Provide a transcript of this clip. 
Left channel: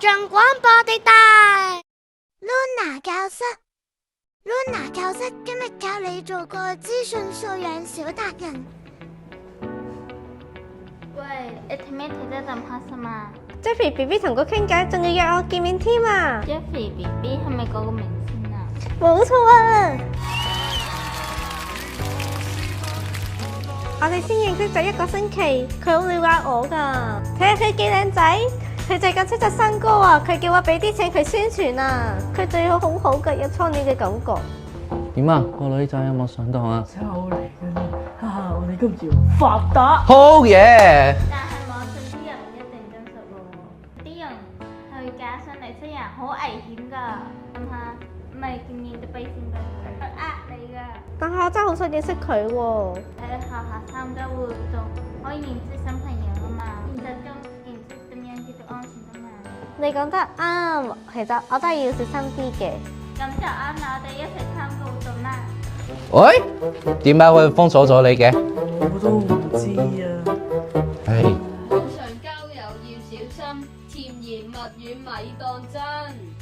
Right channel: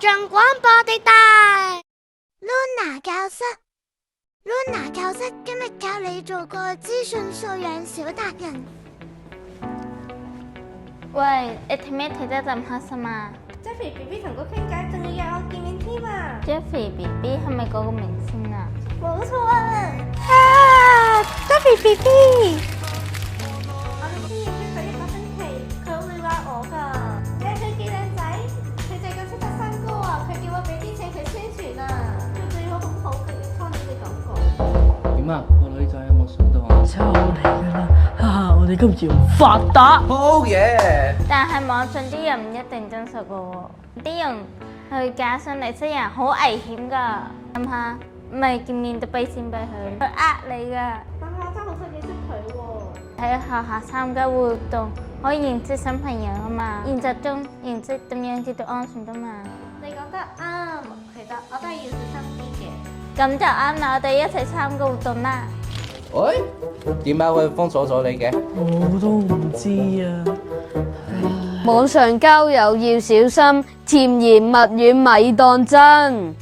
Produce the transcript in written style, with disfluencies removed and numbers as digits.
眾廣播地帶，Luna 教室，Luna 教室今日教你做個資訊素養小達人。喂，你睇咩睇得咁開心啊 ？Jeffrey BB 同佢傾偈，仲要約我見面添啊 ！Jeffrey BB 係咪嗰個明星啊？冇錯啊！Jeffrey BB， 我哋先認識咗1個星期，佢好了解我㗎。睇下佢幾靚仔，佢最近出咗新歌啊！佢叫我俾啲錢佢宣傳啊！佢對我好好㗎，有初戀嘅感覺。點啊？個女仔有冇上當啊？就嚟㗎啦！哈哈，我哋今次要發達。好嘢！但係網上啲人唔一定真實㗎喎，啲人去假上嚟識人好危險㗎。諗下，唔係見面就俾錢俾佢，佢呃你㗎。但係我真係好想認識佢喎。喺學校參加活動可以認識新朋友啊嘛，現實中認識點樣知道安全㗎嘛。你講得啱，其實我都係要小心啲嘅。咁就啱啦，我哋一齊參加活動啦。喂，點解會封鎖咗你嘅？我都唔知啊。網上交友要小心，甜言蜜語咪當真。